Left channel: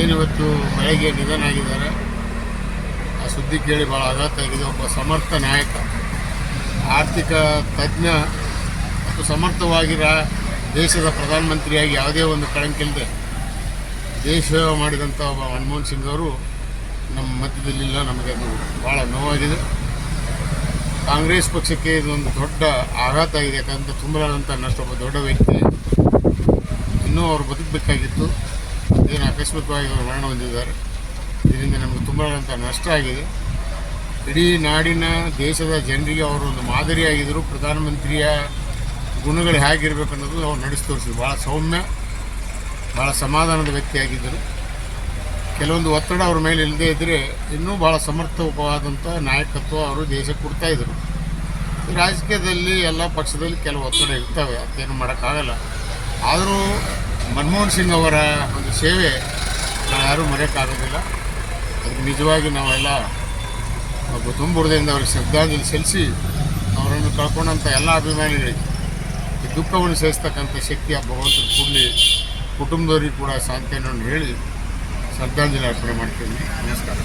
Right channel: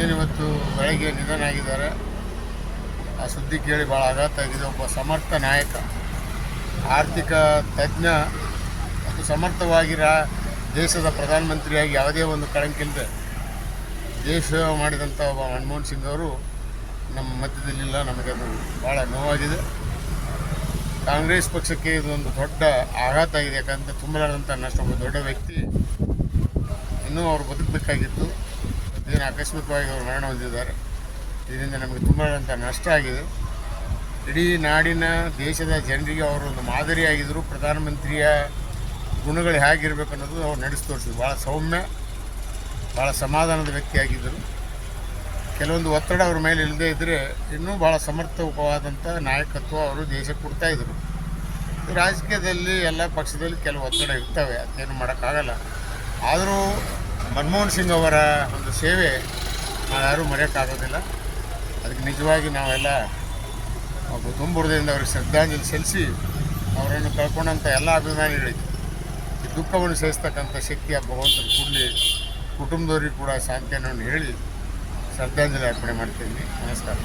ಏನಿವತ್ತು ಬೆಳಗ್ಗೆ ನಿಧನ ಆಗಿದ್ದಾರೆ ಆ ಸುದ್ದಿ ಕೇಳಿ ಭಾಳ ಆಘಾತ ಆಗಿದೆ. ಒಬ್ಬ ಸಮರ್ಥ ನಾಯಕ, ಆರ್ಥಿಕ ತಜ್ಞ ಮತ್ತು ಸಮರ್ಥವಾಗಿರ ದೇಶದ ಪ್ರಧಾನಮಂತ್ರಿಯಾಗಿ ಯಾವುದೇ ಒಂದು ಕಳಂಕಿಲ್ಲದೆ ದೇಶ ಸೇವೆ ಮಾಡಿದಂಥ ಒಬ್ಬ ಮನಮೋಹನ್ ಸಿಂಗ್ ಅವರು ನಮ್ಮ ಮಧ್ಯದಲ್ಲಿಲ್ಲ. ನಮಗೆ ಅದು ಭಾಳ ನೋವಾಗಿದೆ. ಕಾಂಗ್ರೆಸ್ ಪಕ್ಷಕ್ಕೆ ಇದೊಂದು ದೊಡ್ಡ ಆಘಾತ ಆಗಿದೆ. ಯಾಕಂದರೆ ತುಂಬಲಾದಂಥ ನಷ್ಟೊಬ್ಬ ದೊಡ್ಡ ವ್ಯಕ್ತಿ. ಇನ್ನೂ ಅವರು ಬದುಕಬೇಕಾಗಿತ್ತು. ಏನು ಆಕಸ್ಮಿಕವಾಗಿ ಅವರು ಮರಣ ಹೊಂದಿದ್ದಾರೆ. ಇದರಿಂದ ನಮಗೆ ತುಂಬ ನಷ್ಟ ಆಗಿದೆ. ಇಡೀ ನಾಡಿನ ದೇಶದ ಜನರಿಗೆ ಅವರು ಒಂದು ಮಾದರಿಯಾಗಿದ್ದರು ಪ್ರಧಾನಮಂತ್ರಿಯ ಗುಣಗಳು ಹೇಗಿರಬೇಕು ಅನ್ನೋದು ಅವ್ರು ನಡೆಸಿ ತೋರಿಸಿದ್ರು ಭಾಳ ಸೌಮ್ಯ ಭಾಳ ಸಮಾಧಾನದ ವ್ಯಕ್ತಿಯಾಗಿದ್ದರು ಕೆಲವೊಂದು ಒತ್ತಡ ಅವ್ರ ಮೇಲೆ ಇಲ್ಲದೇ ಇದ್ದರೆ ಇನ್ನೂ ಭಾಳ ಸಮರ್ಥವಾದಂಥ ನಾಯಕತ್ವ ಅವರು ದೇಶಕ್ಕೆ ಕೊಡ್ತಾಯಿದ್ರು ರಾಜಕೀಯದಲ್ಲಿ ಎಲ್ಲ ಪಕ್ಷದಲ್ಲಿ ಕೆಲವು ಒತ್ತಡ ಇರ್ತವೆ. ಅದೇನು ಮಾಡೋಕ್ಕಾಗಲ್ಲ. ಆದರೂ ಮನಮೋಹನ್ ಸಿಂಗ್ ಅವರ ಒಂದು ಸೇವೆ ನಾವು ಯಾರೂ ಮರೆಯೋಕ್ಕಾಗೋದಿಲ್ಲ ಅದಕ್ಕೆ ನಿಜವಾಗಿ ನಾವೆಲ್ಲ ಒಬ್ಬ ತುಂಬುರದಿಂದ ಅವ್ರಿಗೆ ಶ್ರದ್ಧಾಂಜಲಿ ಸಲ್ಲಿಸಿ ಅವರನ್ನು ಕಳ್ಕೊಂಡಂಥ ಎಲ್ಲ ಅಭಿಮಾನಿಗಳಿಗೆ ಈ ದುಃಖವನ್ನು ಸಹಿಸ್ತಕ್ಕಂಥ ಶಕ್ತಿ ಆ ಭಗವಂತನ ಕೂಡಲಿ ಕುಟುಂಬದವರಿಗೆ ಕೂಡ ಸಾಂತ್ವನವನ್ನು ಹೇಳಿ ಶ್ರದ್ಧಾಂಜಲಿ ಅರ್ಪಣೆ ಮಾಡ್ತೀವಿ ನಮಸ್ಕಾರ.